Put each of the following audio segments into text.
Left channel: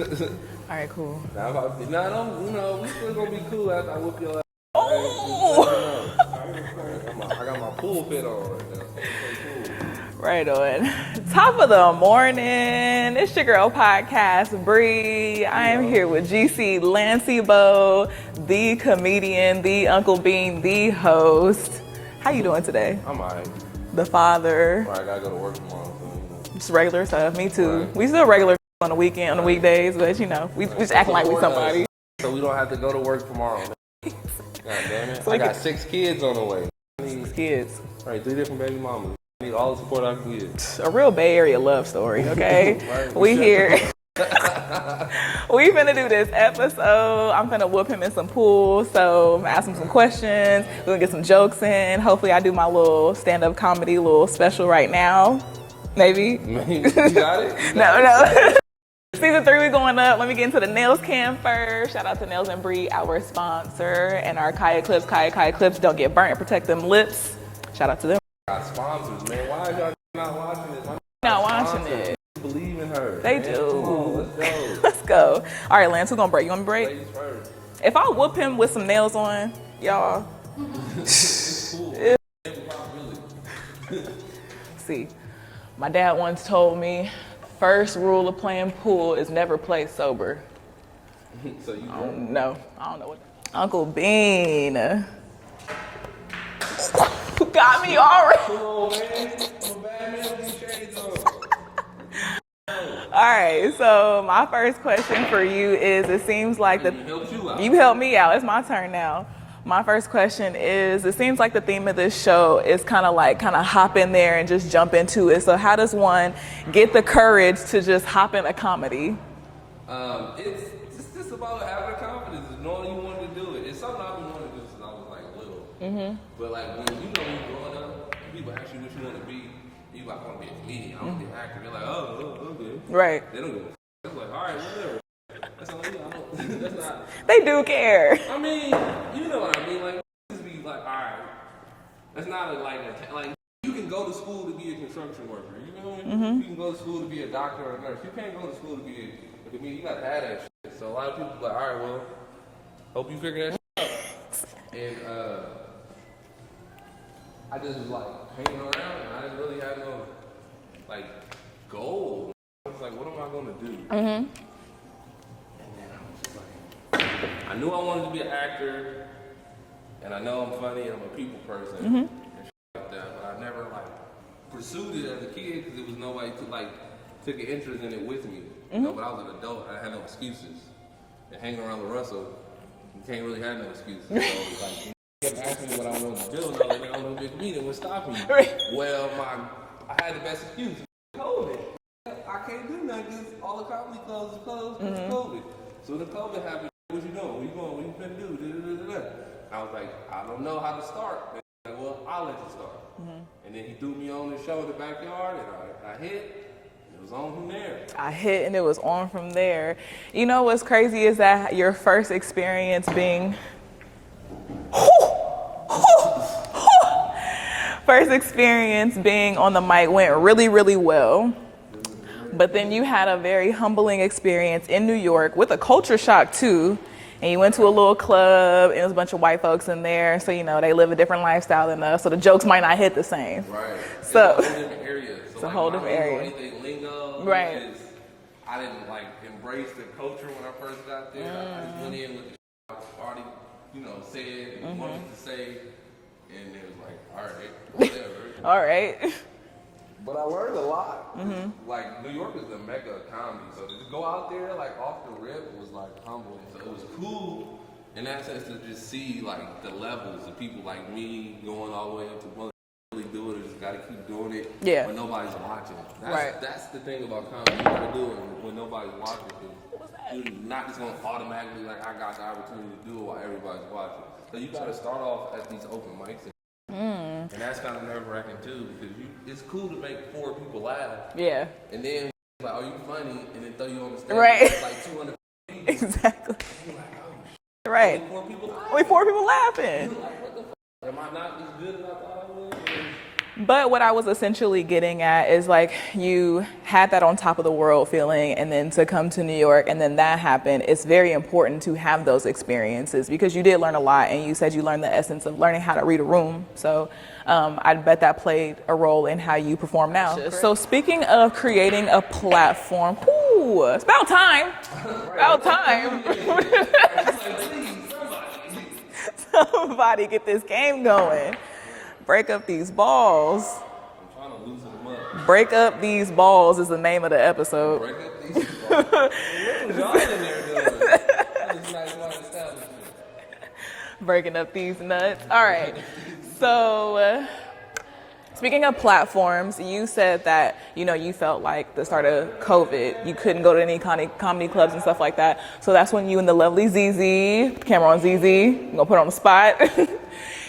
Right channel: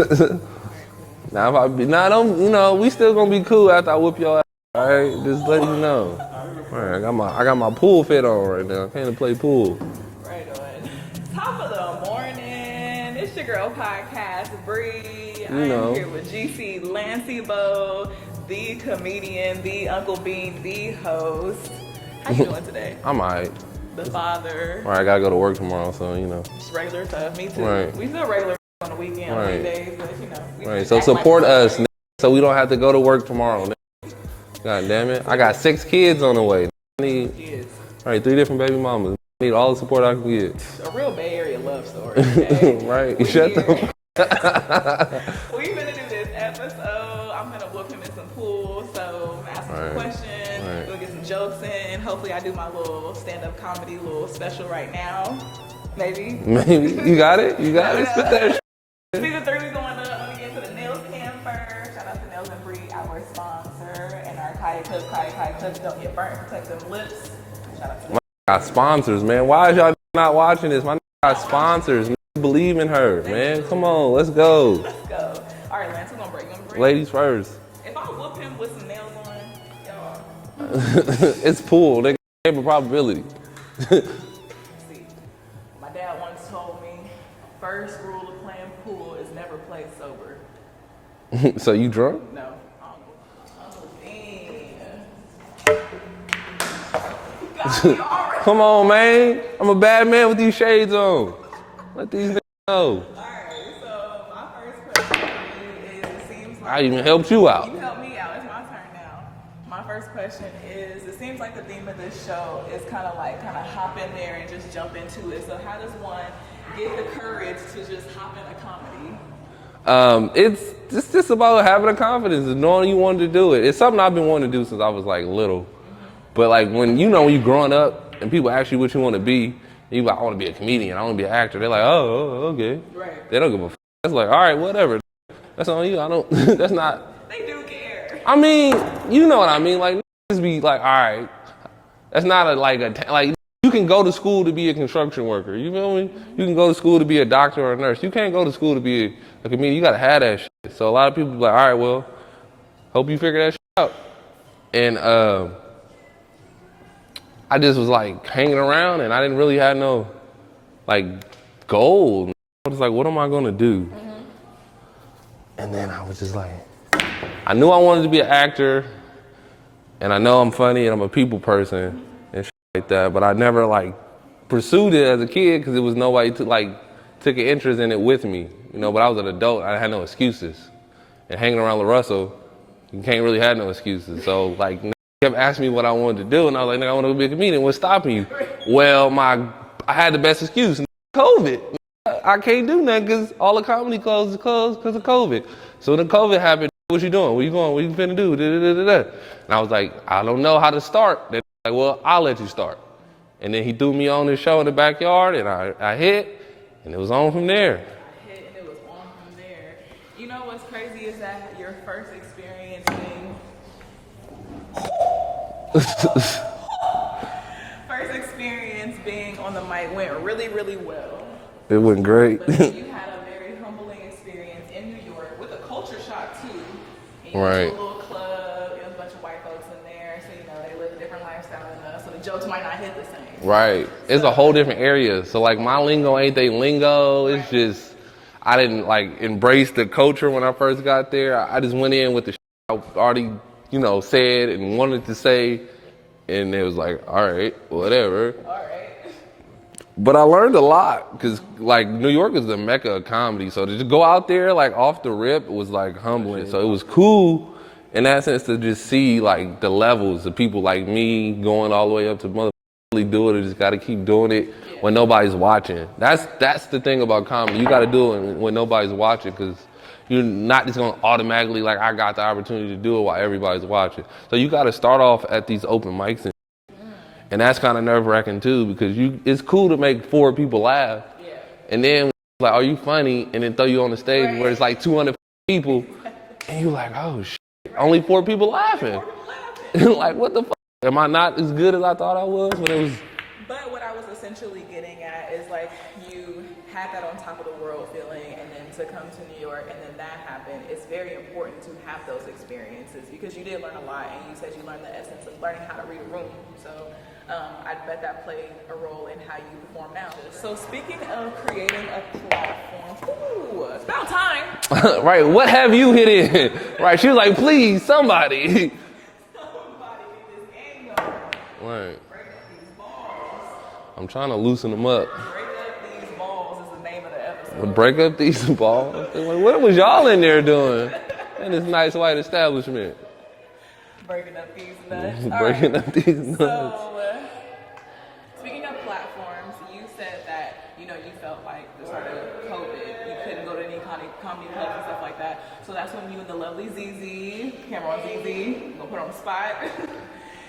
right, cool. Now if I be, don't, we still gonna be cool after I whoop your ass. All right, just let me know. All right, I got my pool fit on right now. I can't play pool. Right on. Top of the morning. It's your girl podcast, Bree. I am here with GC Lancebo, the comedian, the Uncle Bean, the host. How you doing today? I'm alright. The father. All right, I gotta go to work tomorrow, so Just regular stuff. Me too. Right. We still regular on the weekend, on the weekdays, but we right. just So act support like us, so we don't have to go to work tomorrow. God damn it! I got 6 kids on the way. I need kids. All right, 3 different baby mamas. I need all the support I can get. A real Bay Area love story, okay? Right. We here. We finna do this episode. I'm finna whoop him in some pool, so I'm gonna ask him some questions. We're gonna get some jokes in. Hopefully I do my little stand-up comedy little special right now. Maybe. You got it? You got it? Season 3, we're going up. Let me get into the nails cam first. Shout out to Nails and Bree, our sponsor, and our Kaya Clips. Kaya Clips don't get burnt, protect them lips. Shout out to them. Got sponsors, man. Why is y'all not watching this? My got sponsors. Believe in her, man. Come on, let's go. Let's go. All right, Lance, who's gonna break? You want me to break? Ladies first. If I whoop him with some nails on, y'all. It's pool. They have a probability. See, my dad once told me, first rule of playing pool is never play sober. So you drunk? No, I don't know what. Uncle Bean. Got me already. Come on, man. I'm a bad man with these shades on. Let these know. All right, so my first question for you is, it seems like I even helped you out. You helped me out. It's my turn now. My first question is, it seems like the theme of this show is kind of hop in there and just jump into it. So how does one get the courage to just hop in a comedy? It's just about having the confidence and knowing you wanted to do it. It's something I've been wanting to do since I was like little. Mm-hmm. But like when you growing up and people ask you what you want to be, you like, I want to be a comedian, I want to be an actor. They're like, oh, okay. Right. They don't give a f. That's like, all right, whatever. That's on you. I don't, that's not. They do care. I mean, you know what I mean? Like, just be like, all right. That's not like, you can go to school to be a construction worker. You feel me? Mm-hmm. You can go to school to be a doctor or a nurse. You can't go to school to be a comedian. You got to have that shit. So a lot of people be like, all right, well, hope you figure that shit out. And, I just was like hanging around and I didn't really have no like goal. I was like, what am I gonna do? Mm-hmm. And then I was just like, I knew I wanted to be an actor and I know I'm funny and I'm a people person and shit like that, but I never like pursued it as a kid because it was nobody took an interest in it with me, but I was an adult, I had no excuses. And hanging around LaRussell, you can't really have no excuses. So like, kept asking me what I wanted to do, and I was like, I want to be a comedian. What's stopping you? Well, I had the best excuse, COVID. I can't do nothing because all the comedy clubs is closed because of COVID. So when the COVID happened, what you doing? What you going? What you finna do? And I was like, I don't know how to start. They're like, well, I'll let you start. And then he threw me on this show in the backyard, and I hit, and it was on from there. I hit, and it was on from there. You know what's crazy is that your first experience being first experience being on the mic went really, really well. It went great. But then you had a very humbling experience in New York with a culture shock too. And you went to a little club and there was a bunch of white folks in there. So, they live a different lifestyle than us. So the jokes might not hit the same. Right. It's a whole different area. So like my lingo ain't they lingo. Right. It's just, I didn't embrace the culture when I first got there. I just went in with the I already said and wanted to say, and it was like, all right, whatever. All right. But I learned a lot, because New York is the mecca of comedy, so to just go out there off the rip was humbling. So it was cool in that sense to just see the levels of people like me going all the way up to mother really do it or just got to keep doing it when nobody's watching. That's the thing about comedy. You got to do it when nobody's watching, because you're not just going to automatically, I got the opportunity to do it while everybody's watching. So you got to start off at these open mics. And that's kind of nerve-wracking, too, because it's cool to make 4 people laugh. Yeah. And then, are you funny? And then throw you on the stage where it's 200 people. Exactly. And you're like, oh, shit. Right. Only 4 people laughing. Only 4 people laughing. What the fuck? Am I not as good as I thought I was when it was But what I was essentially getting at is like you had that on top of the world feeling, and then to come to New York and then that happened. It's very important to have those experiences because you did learn a lot, and you said you learned the essence of learning how to read a room. So I bet that played a role in how you perform now. So speaking of creating a platform, it's about time. Right, about what time. have you hit in? Right, she was like, please, somebody. Somebody get this game going. Right. Break up these balls. I'm trying to loosen them up. Break up these balls is the name of the episode. Break up these balls. What was y'all in there doing in this nice white establishment? Breaking up these nuts. All Breaking right. up these nuts. So, speaking of platforms, you said that, you felt like the start of COVID, you couldn't go to any comedy clubs and stuff like that. So that's when you and the lovely ZZ, camera on ZZ, I'm gonna put her on the spot.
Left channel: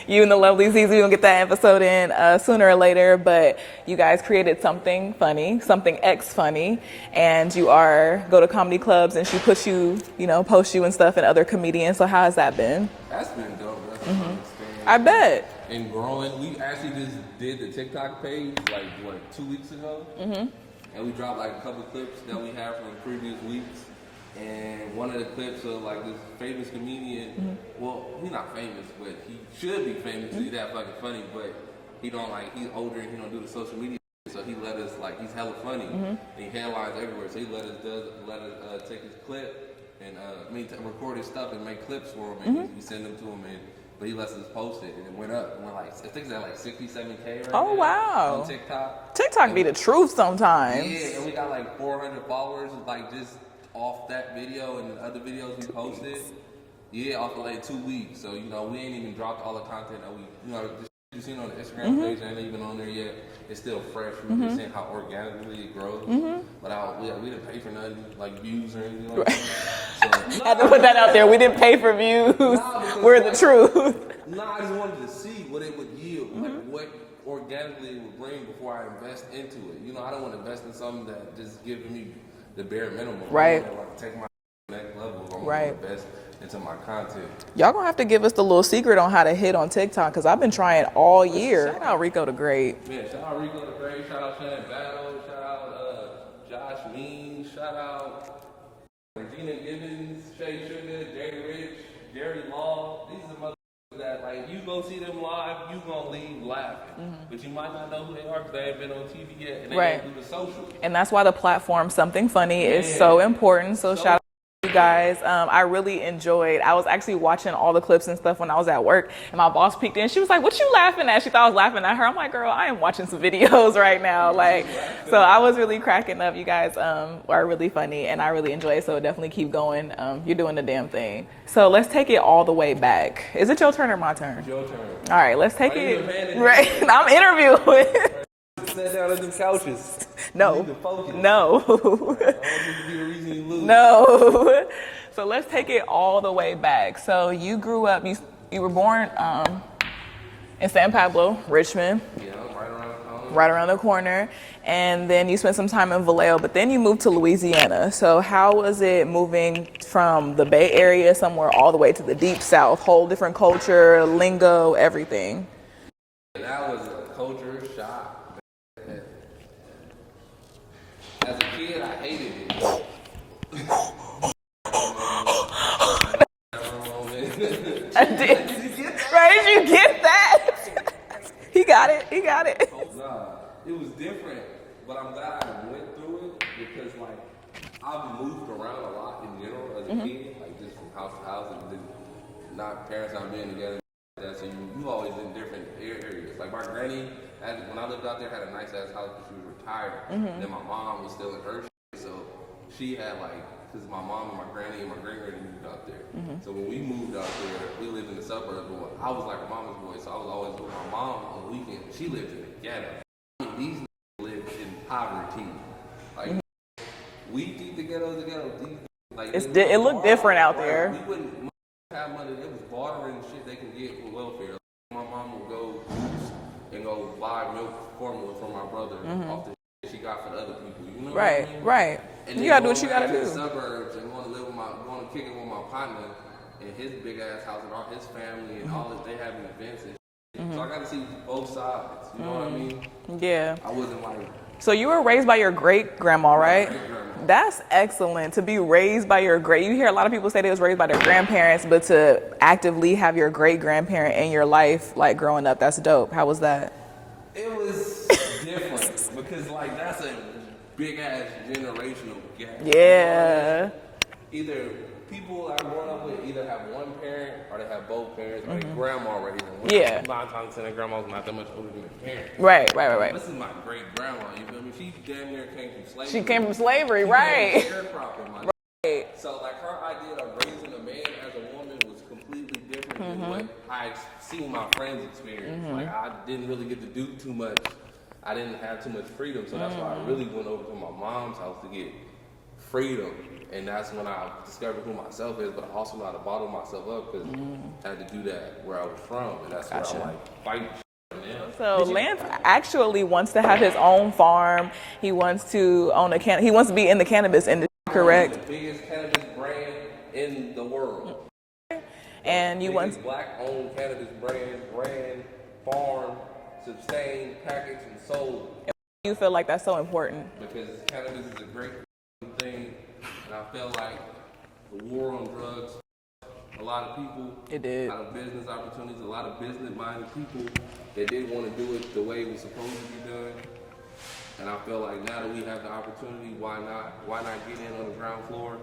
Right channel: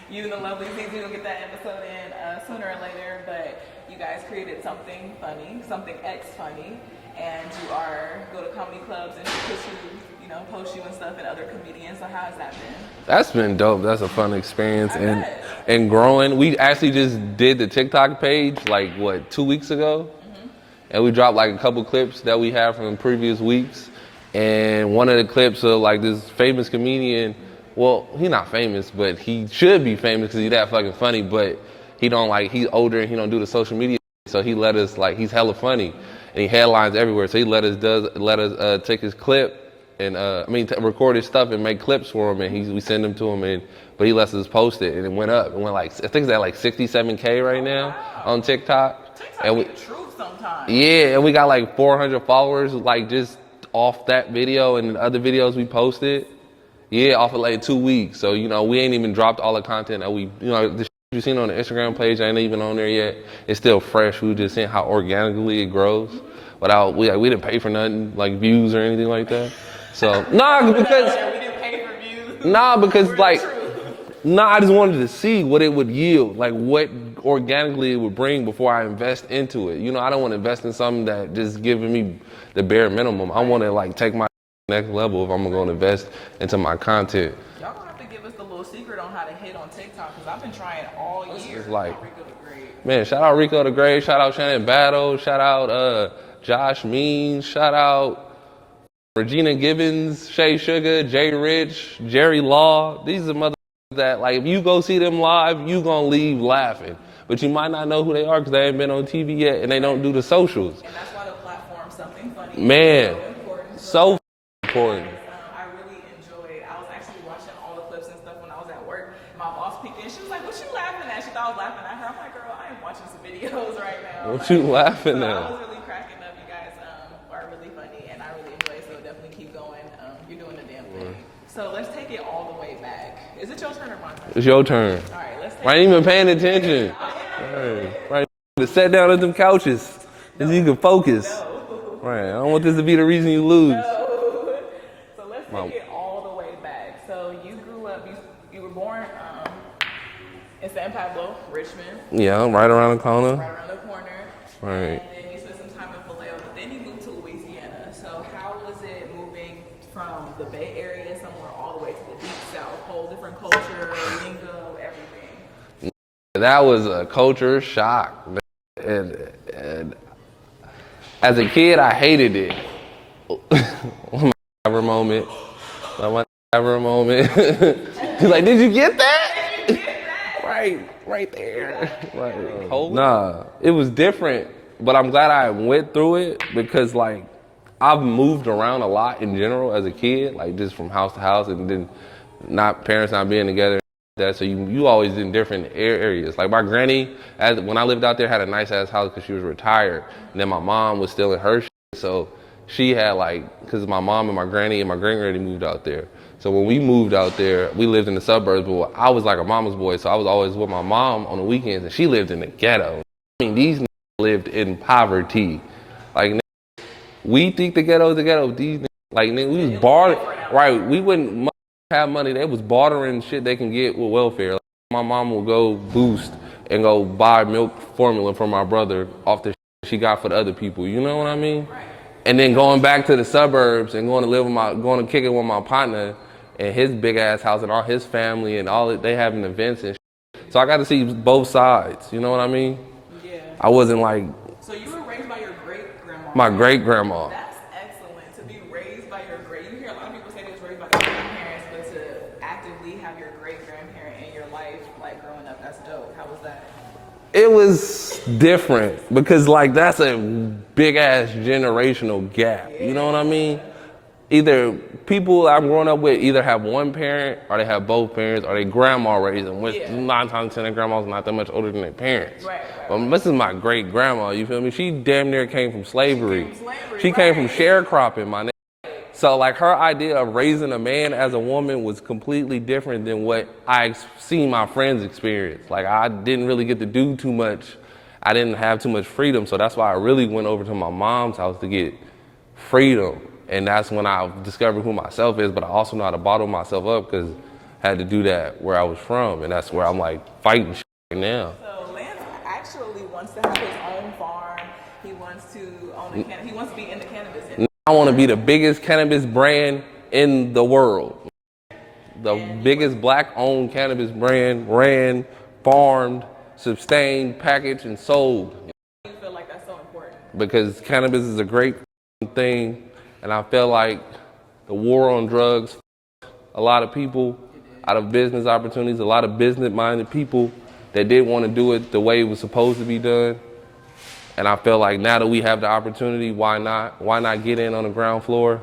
You and the lovely ZZ, we're gonna get that episode in sooner or later, but you guys created something funny, something funny, and you go to comedy clubs and she puts you, posts you and stuff and other comedians. So how has that been? That's been dope. That's a fun experience. I bet. And growing. We actually just did the TikTok page 2 weeks ago? Mm-hmm. And we dropped a couple clips that we had from previous weeks. And one of the clips of this famous comedian, well, he's not famous, but he should be famous because he's that fucking funny, but he's older and he don't do the social media. So he let us, he's hella funny and he headlines everywhere. So he let us take his clip and, record his stuff and make clips for him and we send them to him but he lets us post it and it went up. It went I think it's at 67K right now on TikTok. TikTok be the truth sometimes. Yeah, and we got 400 followers just off that video and other videos we posted. Yeah, off of 2 weeks. So, we ain't even dropped all the content that the shit you seen on the Instagram page ain't even on there yet. It's still fresh. We just seeing how organically it grows. Without, we didn't pay for nothing, views or anything like that. So, put that out there. We didn't pay for views. Nah, because we're the truth. Nah, I just wanted to see what it would yield, what organically it would bring before I invest into it. I don't want to invest in something that just giving me the bare minimum. Right. I want to take my next level if I'm going to invest into my content. Y'all gonna have to give us the little secret on how to hit on TikTok because I've been trying all year. Shout out Rico the Great. Man, shout out Rico the Great. Shout out Shannon Battle. Shout out Josh Means. Shout out Regina Gibbons, Shay Sugar, Jay Rich, Jerry Law. These are mother that if you go see them live, you gonna leave laughing. But you might not know who they are because they ain't been on TV yet and they don't do the socials. And that's why the platform Something Funny is so important. So shout out to you guys. I really enjoyed. I was actually watching all the clips and stuff when I was at work, and my boss peeked in. She was like, "What you laughing at?" She thought I was laughing at her. I'm like, "Girl, I am watching some videos right now." What you laughing at? I was really cracking up. You guys are really funny, and I really enjoy it. So definitely keep going. You're doing the damn thing. So let's take it all the way back. Is it your turn or my turn? It's your turn. All right, let's take it. I ain't even paying attention. Right. I'm interviewing. Right. Sit down at them couches. No. You can focus. No. Right. I don't want this to be the reason you lose. No. So let's take it all the way back. So you grew up, you were born in San Pablo, Richmond. Yeah, right around the corner. Right around the corner. Right. And then you spent some time in Vallejo, but then you moved to Louisiana. So how was it moving from the Bay Area somewhere all the way to the Deep South? Whole different culture, lingo, everything. That was a culture shock. And as a kid, I hated it. Ever moment. Ever moment. He's like, did you get that? Did you get that? Right there. He got it. He got it. Nah, it was different, but I'm glad I went through it because I've moved around a lot in general as a kid, just from house to house, and then parents not being together. So you always in different areas. My granny, when I lived out there, had a nice ass house because she was retired. And then my mom was still in her shit. So she had because my mom and my granny and my great-granny moved out there. So when we moved out there, we lived in the suburbs, but I was a mama's boy. So I was always with my mom on the weekends and she lived in the ghetto. These lived in poverty. We think the ghetto is the ghetto. These it looked different out there. Right, we wouldn't have money. They was bartering shit they can get with welfare. My mom will go Boost and go buy milk formula from my brother off the shit she got for the other people. You know what I mean? Right. And then going back to the suburbs and going to kick it with my partner and his big ass house and all his family and all they having events and shit. So I got to see both sides, you know what I mean? Yeah. I wasn't like So you were raised by your great-grandma, right? my great-grandma. That's excellent, to be raised by your you hear a lot of people say they was raised by their grandparents, but to actively have your great-grandparent in your life, like growing up, that's dope. How was that? It was different because like that's a big ass generational gap. Yeah. You know what I mean? Either people I'm growing up with either have one parent or they have both parents or they grandma raised them, which 9 times 10 their grandma's not that much older than their parents. Right. This is my great grandma, you feel me? She damn near came from slavery. She came from slavery, She right. came from sharecropping, my nigga. So like her idea of raising a man as a woman was completely different than what I seen my friends experience. Like I didn't really get to do too much. I didn't have too much freedom. So that's why I really went over to my mom's house to get freedom. And that's when I discovered who myself is, but I also know how to bottle myself up because I had to do that where I was from. And that's where I'm like fighting shit now. So Lance actually wants to have his own farm. He wants to own he wants to be in the cannabis industry. I want to be the biggest cannabis brand in the world. The biggest black-owned cannabis brand, ran, farmed, sustained, packaged, and sold. You feel like that's so important? Because cannabis is a great thing, and I feel like the war on drugs, a lot of people out of business opportunities, a lot of business-minded people that didn't want to do it the way it was supposed to be done. And I feel like now that we have the opportunity, why not? Why not get in on the ground floor?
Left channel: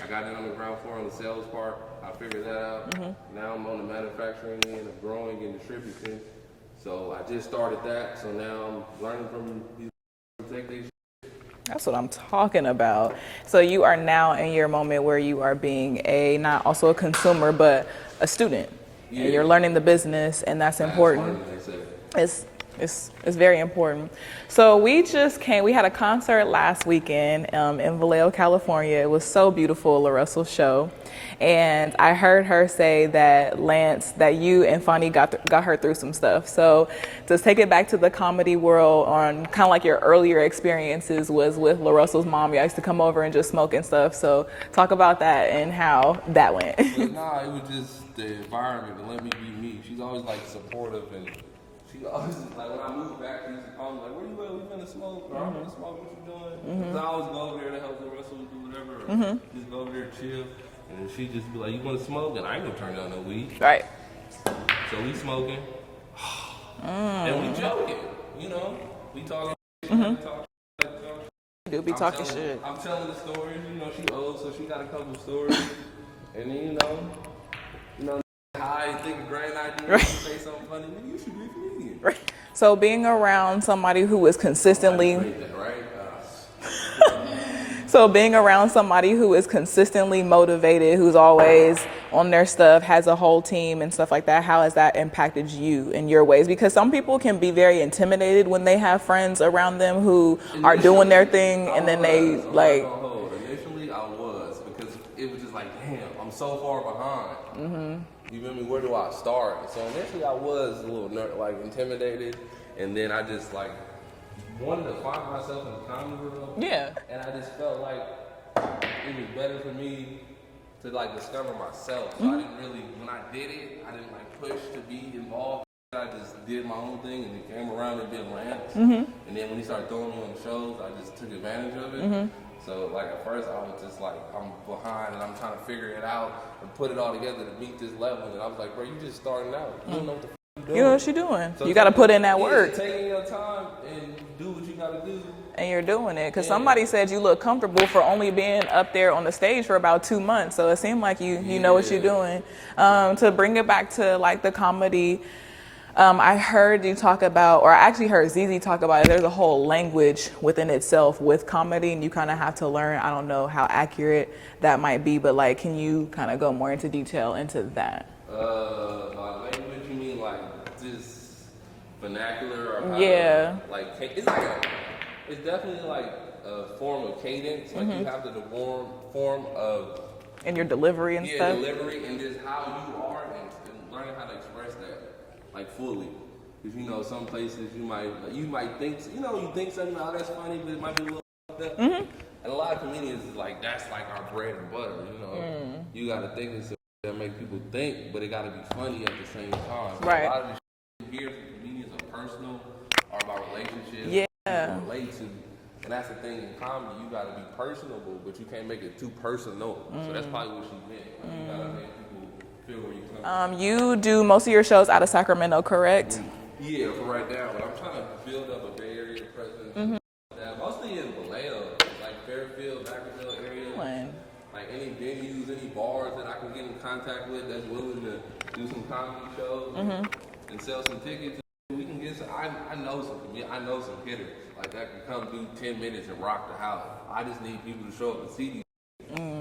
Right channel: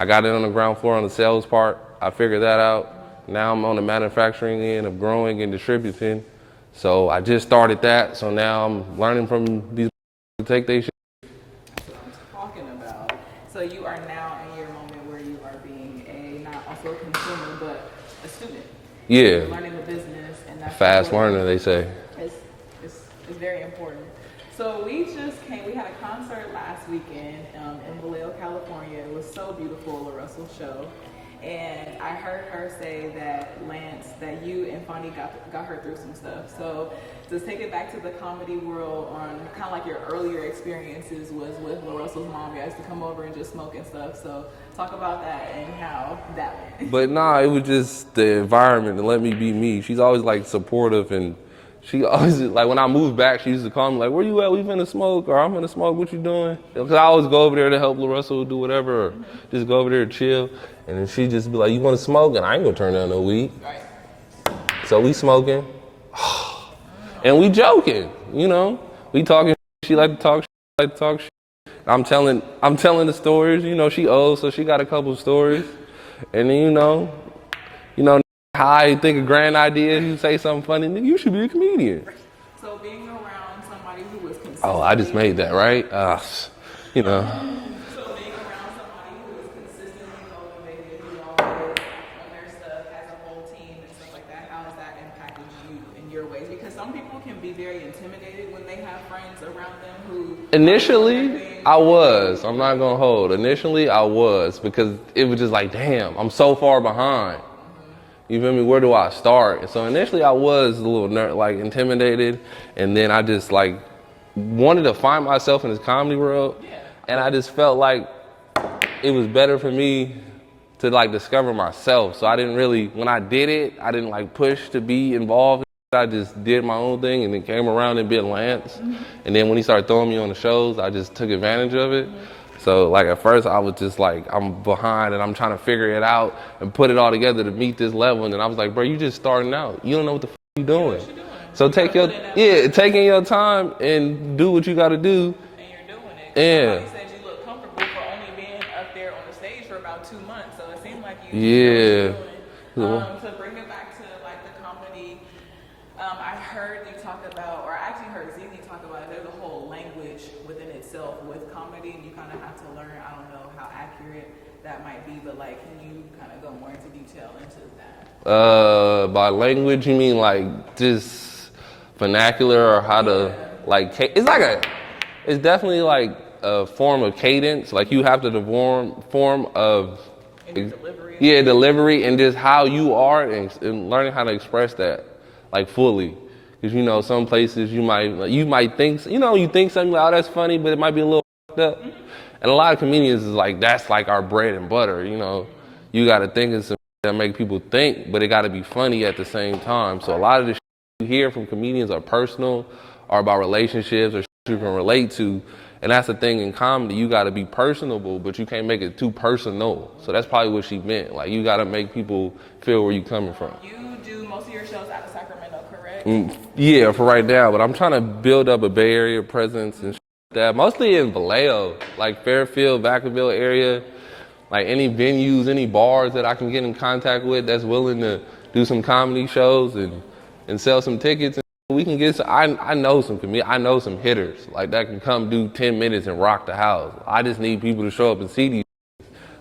I got in on the ground floor on the sales part. I figured that out. Now I'm on the manufacturing end of growing and distributing. So I just started that. So now I'm learning from these to take their shit. That's what I'm talking about. So you are now in your moment where you are being not also a consumer, but a student. Yeah. You're learning the business, and that's fast important. Fast learner, they say. It's very important. So we had a concert last weekend in Vallejo, California. It was so beautiful, La Russell show. And I heard her say that Lance, that you and Fonny got her through some stuff. So to take it back to the comedy world on kind of like your earlier experiences was with La Russell's mom. You used to come over and just smoke and stuff. So talk about that and how that went. But nah, it was just the environment and let me be me. She's always like supportive and she always, like when I moved back, she used to call me like, where you at? We finna smoke, or I'm finna smoke, what you doing? Because I always go over there to help La Russell do whatever, or just go over there to chill. And then she just be like, you wanna smoke? And I ain't gonna turn down no weed. Right. So we smoking, and we joking, you know? We talking, she like to talk, I'm telling the stories, you know, she old, so she got a couple of stories. And then, you know, how I think a grand idea, you say something funny, you should be a comedian. So being around somebody who is consistently... Oh, I just made that, right? You know. So being around somebody who is consistently motivated, who's always on their stuff, has a whole team and stuff like that, how has that impacted you in your ways? Because some people can be very intimidated when they have friends around them who are doing their thing. I'm not gonna hold. Initially, I was, because it was just like, damn, I'm so far behind. You feel me? Where do I start? And so initially I was a little intimidated, and then I just like wanted to find myself in this comedy world. Yeah. And I just felt like it was better for me to like discover myself. So I didn't really, when I did it, I didn't like push to be involved. I just did my own thing and then came around and bit Lance. And then when he started throwing me on the shows, I just took advantage of it. So like at first I was just like, I'm behind and I'm trying to figure it out and put it all together to meet this level. And then I was like, bro, you just starting out. You don't know what the you doing. You know what you're doing. So you gotta put in that work. Yeah, taking your time and do what you gotta do. And you're doing it. Because somebody said you look comfortable for only being up there on the stage for about 2 months. So it seemed like you know what you're doing. To bring it back to like the comedy, I heard you talk about, or I actually heard ZZ talk about it, there's a whole language within itself with comedy, and you kind of have to learn. I don't know how accurate that might be, but like, can you kind of go more into detail into that? By language, you mean like just vernacular or how to, like, it's definitely like a form of cadence. Like you have to form of... And your delivery and stuff. Delivery and just how you are and learning how to express that. Like fully, because you know some places you might think you think something like, oh, that's funny, but it might be a little fucked up. And a lot of comedians is like, that's like our bread and butter. You know, you got to think of some that make people think, but it got to be funny at the same time. So a lot of this you hear from comedians are personal or about relationships or you can relate to. And that's the thing in comedy, you gotta be personable, but you can't make it too personal. So that's probably what she meant. Like, you gotta make people feel where you coming from. You do most of your shows out of Sacramento, correct? Yeah, for right now, but I'm trying to build up a Bay Area presence and that. Mostly in Vallejo, like Fairfield, Vacaville area. Like any venues, any bars that I can get in contact with that's willing to do some comedy shows and sell some tickets. We can get some, I know some hitters like that can come do 10 minutes and rock the house. I just need people to show up and see these.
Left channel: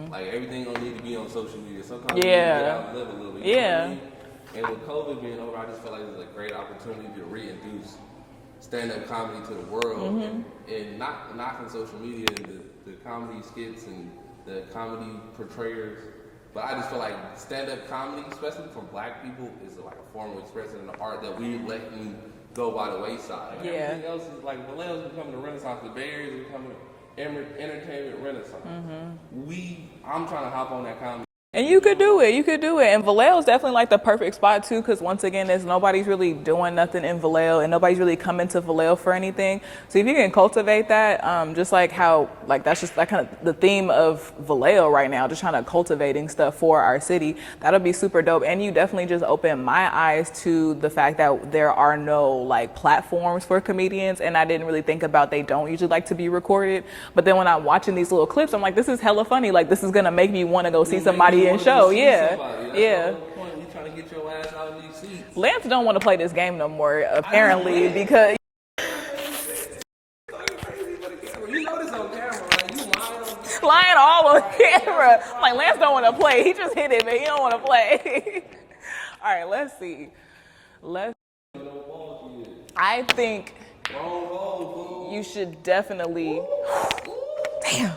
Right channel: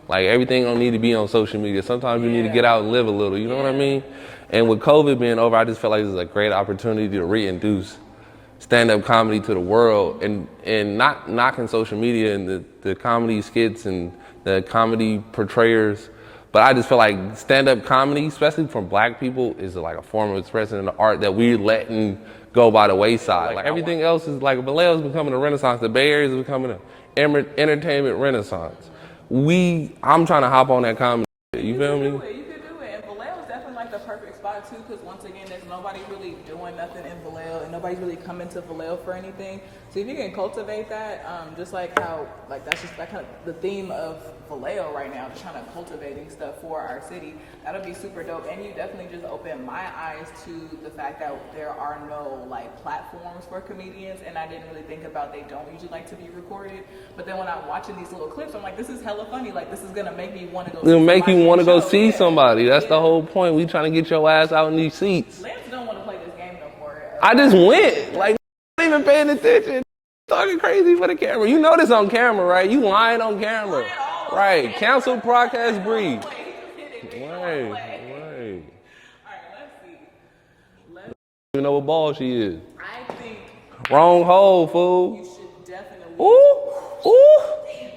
Like everything don't need to be on social media. Sometimes you need to get out and live a little, you know what I mean? And with COVID being over, I just felt like this is a great opportunity to reintroduce stand-up comedy to the world and not knocking social media and the comedy skits and the comedy portrayers. But I just feel like stand-up comedy, especially from black people, is like a form of expressing an art that we're letting go by the wayside. Like everything else is like Vallejo's becoming a renaissance. The Bay Area is becoming an entertainment renaissance. I'm trying to hop on that comedy. And you could do it. And Vallejo is definitely like the perfect spot too, because once again, nobody's really doing nothing in Vallejo, and nobody's really coming to Vallejo for anything. So if you can cultivate that, just like how, like that's just like kind of the theme of Vallejo right now, just trying to cultivating stuff for our city. That'll be super dope. And you definitely just opened my eyes to the fact that there are no like platforms for comedians, and I didn't really think about they don't usually like to be recorded. But then when I'm watching these little clips, I'm like, this is hella funny. Like this is gonna make me want to go see somebody. Want to go see somebody. That's the whole point. We trying to get your ass out in these seats. Lance don't want to play this game no more. I just went because you ain't even paying attention. Talking crazy for the camera. You know this on camera, right? You lying on camera. Lying all on right. camera. Cancel podcast. Like Lance don't want to play. He just hit it, man. He don't want to play. All right, let's see. You know what ball she is. I think. Wrong hole, fool. You should definitely. Ooh. Damn.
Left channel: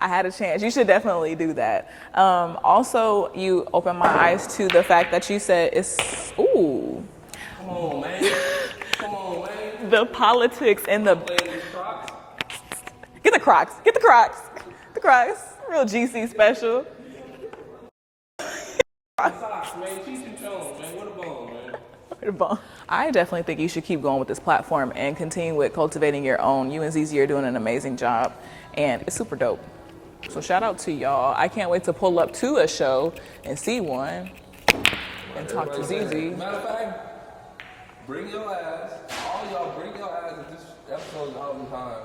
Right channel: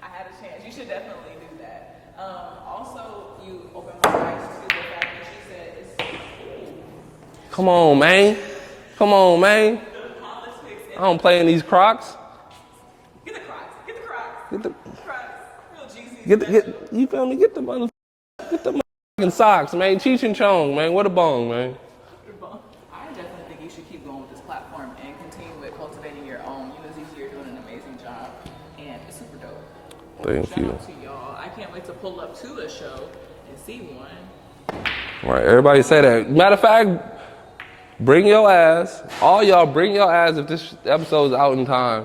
I had a chance. You should definitely do that. Also, you opened my eyes to the fact that you said it's, Come on, man. The politics and I'm playing these Crocs. Get the Crocs. Get the Crocs. Real GC special. You feel me? Get the motherfucking socks, man. Cheech and Chong, man. What a bone, man. I definitely think you should keep going with this platform and continue with cultivating your own. You and ZZ are doing an amazing job, and it's super dope. So shout out to y'all. I can't wait to pull up to a show and see one. Right, everybody say that. Matter of fact, bring your ass. All y'all bring your ass if this episode is out in time.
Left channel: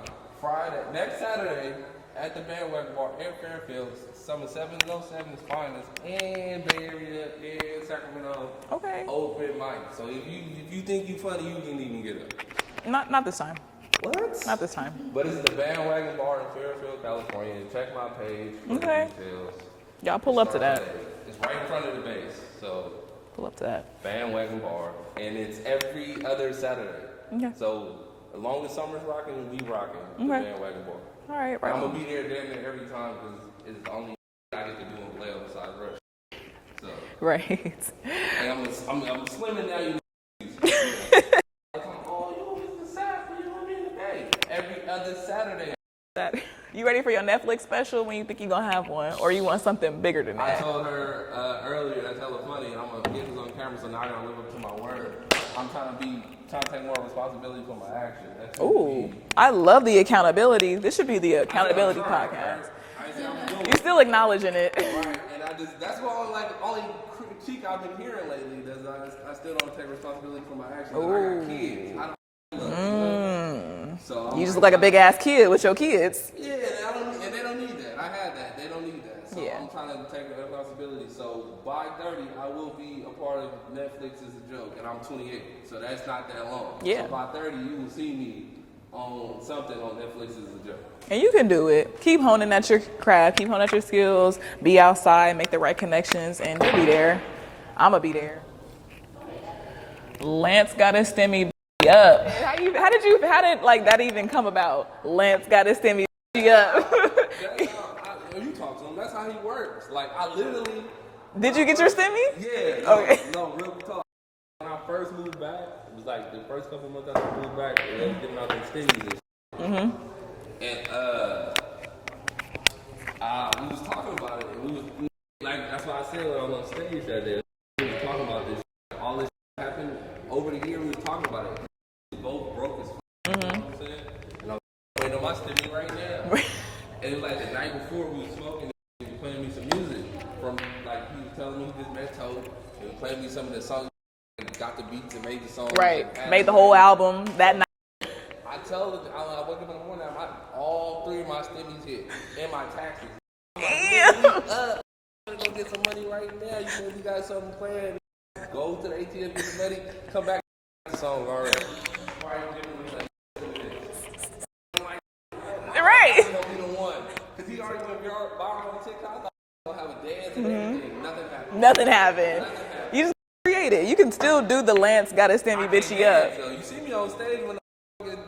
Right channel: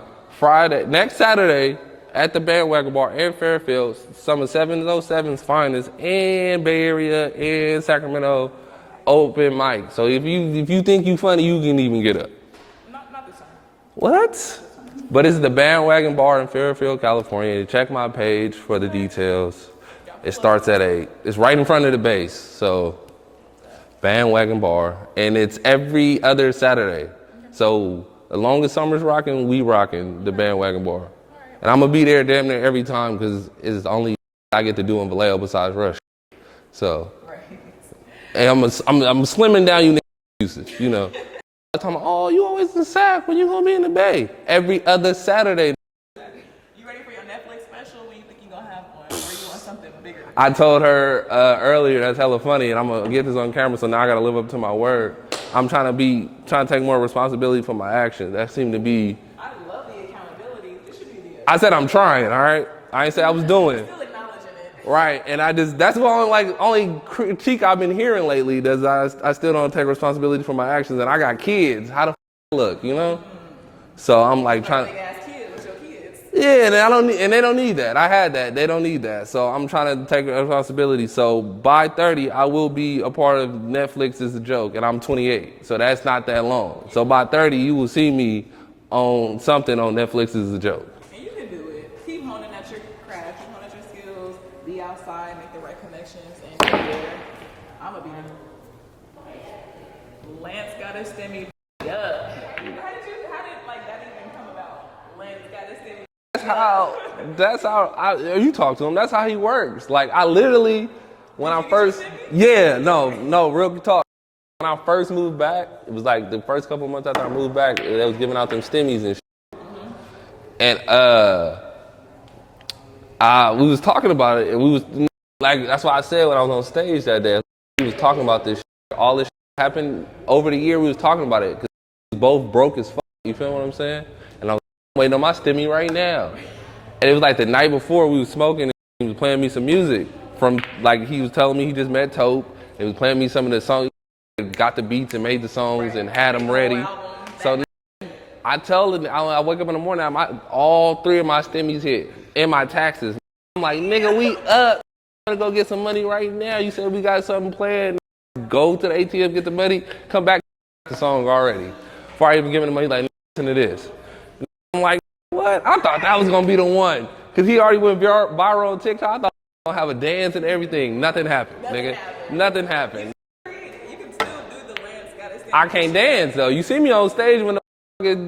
Next Saturday at the Bandwagon Bar in Fairfield, some of 707's finest in Bay Area and Sacramento. Okay. Open mic. So if you think you funny, you can even get up. Not this time. What? Not this time. But it's the Bandwagon Bar in Fairfield, California. Check my page for the details. It starts at 8. It's right in front of the base. So pull up to that. Bandwagon Bar. And it's every other Saturday. Okay. So as long as summer's rocking, we rocking the Bandwagon Bar. All right. And I'm going to be there damn near every time because it's the only I get to do in Vallejo besides Rush. So. Right. And I'm slimming down you niggas, you know. Oh, you always in Sac when you gonna be in the Bay? Every other Saturday. You ready for your Netflix special when you think you're gonna have one? Or you want something bigger than that? I told her earlier, that's hella funny, and I'm gonna get this on camera, so now I gotta live up to my word. I'm trying to take more responsibility for my actions. That seemed to be. I love the accountability. This should be the accountability. I said I'm trying, all right? I ain't say I was doing it. Still acknowledging it. Right, and that's the only critique I've been hearing lately, that I still don't take responsibility for my actions, and I got kids. How the look, you know? So I'm you like a big ass kid with your kids. Yeah, and they don't need that. I had that. They don't need that. So I'm trying to take responsibility. So by 30, I will be a part of Netflix is a joke, and I'm 28. So that's not that long. Yeah. So by 30, you will see me on something on Netflix is a joke. And you can do it. Keep honing at your craft. Keep honing at your skills. Be outside. Make the right connections, and you'll be there. I'ma be there. Lance got his stimmy up. How did like that even come about? Lance got his stimmy up. That's how you talk to him. That's how he works. Like I literally. Did you get your stimmy? Yeah. No. Real talk. When I first moved back, it was like the first couple months after I moved back, they was giving out them stimmies and shit. Mm-hmm. And we was talking about it, and we was like, that's why I said when I was on stage that day, we was talking about this shit, all this shit happened over the year we was talking about it. Cause we both broke as fuck. You feel what I'm saying? And I was waiting on my stimmy right now. And it was like the night before we was smoking and he was playing me some music from like he was telling me he just met Tope. He was playing me some of the songs, got the beats and made the songs and had made them the ready. whole album that night. I tell him, I wake up in the morning, all 3 of my stimmies hit and my taxes. I'm like, nigga, we up. I'm gonna go get some money right now. You said we got something planned. Go to the ATM, get the money, come back the song already. Before I even giving the money, like, listen to this. I'm like, what? I thought that was gonna be the one. Cause he already went viral on TikTok. I thought he was gonna have a dance and everything. Nothing happened. Nothing happened. Nothing happened. You just create it. You can still do the Lance gotta stand. I can't dance though. You see me on stage when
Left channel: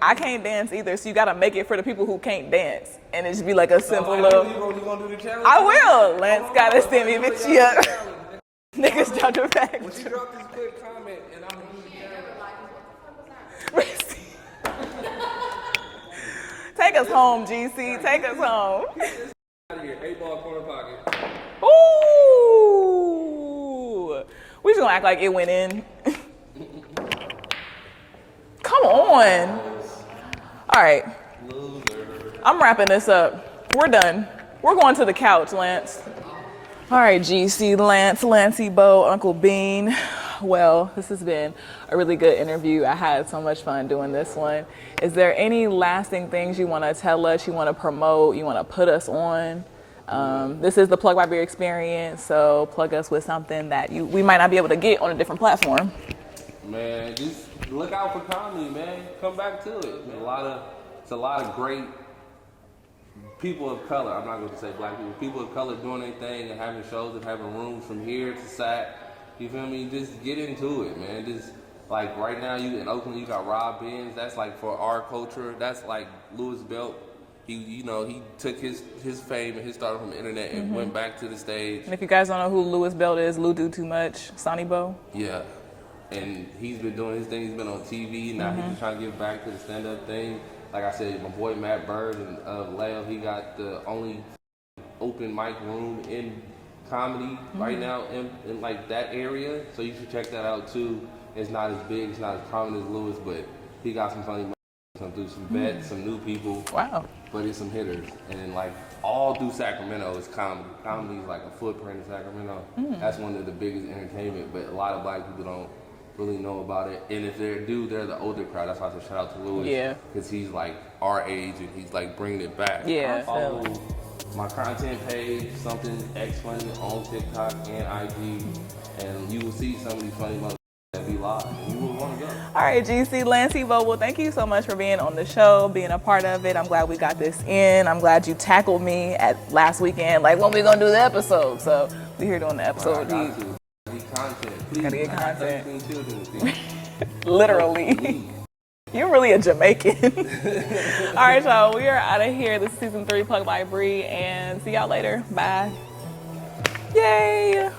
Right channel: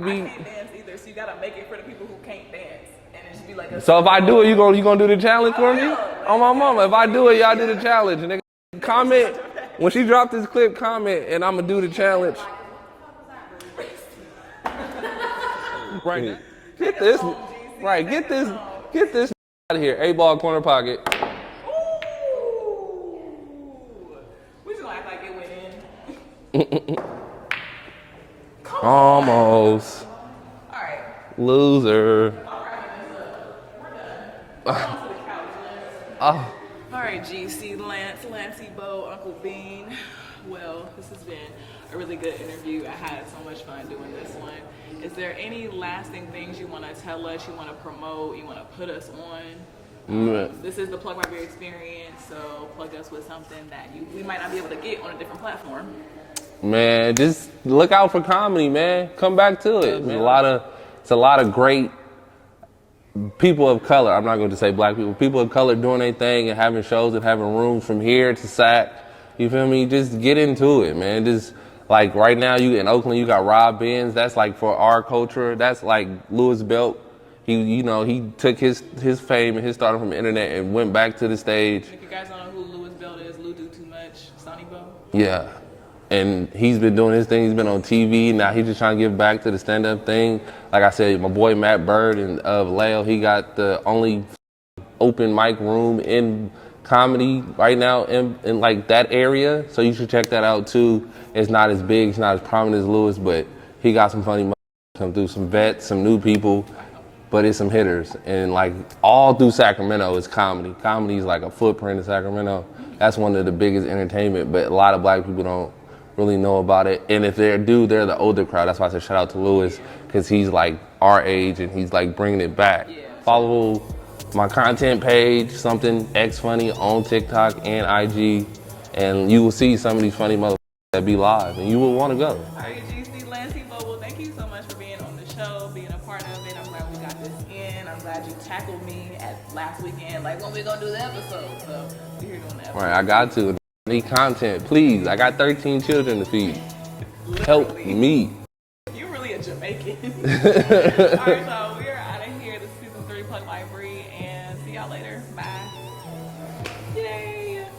I can't dance either, so you gotta make it for the people who can't dance. And it just be like a So if I do it, you gonna do the challenge for me? I will. Oh my mama, if I do it, y'all do the challenge. Nigga, comment. When she dropped this clip, comment, and I'm gonna do the challenge. Right. Take us home, GC. Right. Take us home. Get this out of here. 8-ball corner pocket. Ooh. We just gonna act like it went in. Come on. Almost. All right. Loser. I'm wrapping this up. We're done. We're going to the couch, Lance. All right, GC, Lance, Lancey Bo, Uncle Bean. Well, this has been a really good interview. I had so much fun doing this one. Is there any lasting things you want to tell us, you want to promote, you want to put us on? This is the Plug by Beer experience, so plug us with something that we might not be able to get on a different platform. Man, just look out for comedy, man. Come back to it. It's a lot of great people of color. I'm not going to say black people. People of color doing their thing and having shows and having rooms from here to SAC. You feel me? Just get into it, man. Just like right now, you in Oakland, you got Rob Benz. That's like for our culture. That's like Louis Belt. He took his fame and his stardom from the internet and went back to the stage. And if you guys don't know who Louis Belt is, Lou Do Too Much, Sonny Bo. Yeah. And he's been doing his thing. He's been on TV. Now he's just trying to give back to the stand-up thing. Like I said, my boy Matt Bird of Vallejo, he got the only open mic room in comedy right now in like that area. So you should check that out too. It's not as big, it's not as prominent as Louis, but he got some funny come through, some vets, some new people. Wow. But it's some hitters. And like all through Sacramento is comedy. Comedy is like a footprint in Sacramento. That's one of the biggest entertainment, but a lot of black people don't really know about it. And if they're the older crowd. That's why I said shout out to Louis, because he's like our age and he's like bringing it back. Yeah. Follow my content page, something X Funny on TikTok and IG, and you will see some of these funny motherfuckers that be live, and you will want to go. All right, GC, Lancey Bo, well, thank you so much for being on the show, being a part of it. I'm glad we got this in. I'm glad you tackled me at last weekend, like when we gonna do the episode. So we're here doing the episode. Right, I got to. Need content, please. I got 13 children to feed. Literally. Help me. You're really a Jamaican. All right, y'all, we are out of here. This is season 3, Plug by Bree, and see y'all later. Bye. Yay.